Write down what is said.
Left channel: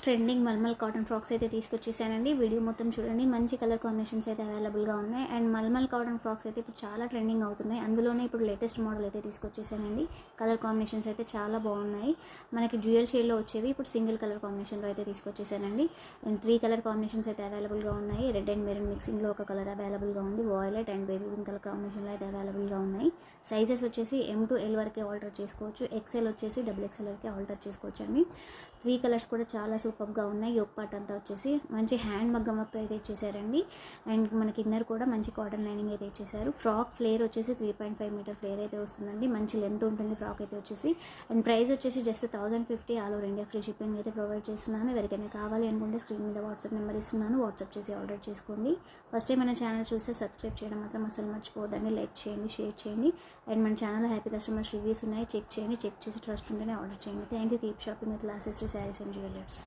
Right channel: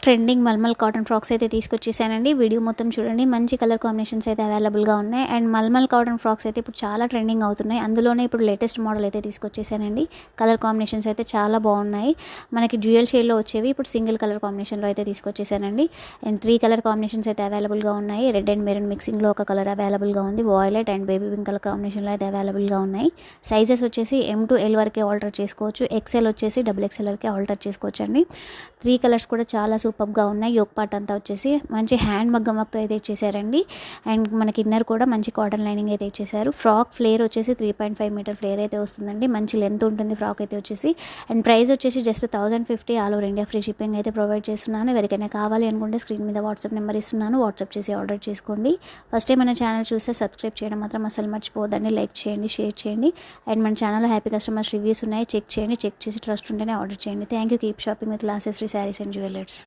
Latest trending malmal cotton frocks అయితే తీసుకొచ్చేసానండి. Video మొత్తం చూడండి. మంచి కలర్ కాంబినేషన్స్ అయితే అవైలబుల్గా ఉన్నాయి. అండ్ మల్మల్ కాటన్ ఫ్రాక్స్ అయితే ఇప్పుడు చాలా ట్రెండింగ్ అవుతున్నాయి. అందులోనే ఇప్పుడు లేటెస్ట్ మోడల్ అయితే తీసుకొచ్చేసానండి. కలర్ కాంబినేషన్స్ అయితే చాలా బాగున్నాయి. మనకి డ్యూయల్ షేడ్లో వచ్చేవి ఇప్పుడు సింగిల్ కలర్ కాంబినేషన్లో అయితే తీసుకొచ్చేసానండి. అండ్ 3 కలర్ కాంబినేషన్స్ అయితే అవైలబుల్గా ఉన్నాయి. రెడ్ అండ్ మెరూన్ మిక్సింగ్లో ఒక కలర్ అవైలబుల్గా ఉంది. Violet and baby pink colour కాంబినేషన్లో అయితే అవైలబుల్గా ఉన్నాయి. సైజెస్ వచ్చేసి M to L వరకే ఆల్టర్ చేసుకోవచ్చు. XL వచ్చేసి XXL వరకే ఆల్టర్ చేసుకోవచ్చు అండి. 3 కలర్స్ కూడా చాలా సూపర్గా ఉన్నాయి. యోక్ పార్ట్ అంతా వచ్చేసి మంచి హ్యాండ్ మగ్గం వర్క్తో అయితే ఇచ్చేసారండి. అండ్ మనకి ఇన్నర్ కూడా మంచి కాటన్ లైనింగ్ అయితే ఇచ్చేసారు. ఫ్రాక్ ఫ్లేర్ వచ్చేసి 3.5 మీటర్ ఫ్లేర్ అయితే వస్తుందండి. మంచి లెంత్ ఉంటుంది ఫ్రాక్ అయితే వచ్చేసి. అండ్ ప్రైస్ వచ్చేసి just 1050 all over India free shipping అయితే ప్రొవైడ్ చేస్తున్నాను. ఎవరికైనా కావాలి అనుకుంటే స్క్రీన్ మీద వాట్సాప్ నెంబర్ ఇస్తున్నాను. వాట్సాప్ చేసి ఆర్డర్ చేసుకోండి. ఫస్ట్ టైం మన ఛానల్ చూస్తే సబ్స్క్రైబ్ చేయడం మాత్రం అసలు మర్చిపోవద్దండి. లైక్ చేయండి, షేర్ చేయండి. అండ్ మన ఛానల్లో హ్యాపీ కస్టమర్స్ రివ్యూస్ ఉన్నాయి. చెక్ చేయండి. చెక్ చేసి ట్రస్ట్ ఉంటేనే ఆర్డర్ చేయండి. Thank you. Keep shopping with లాసెస్రీ శారీస్ అండ్ జ్యువెలర్స్.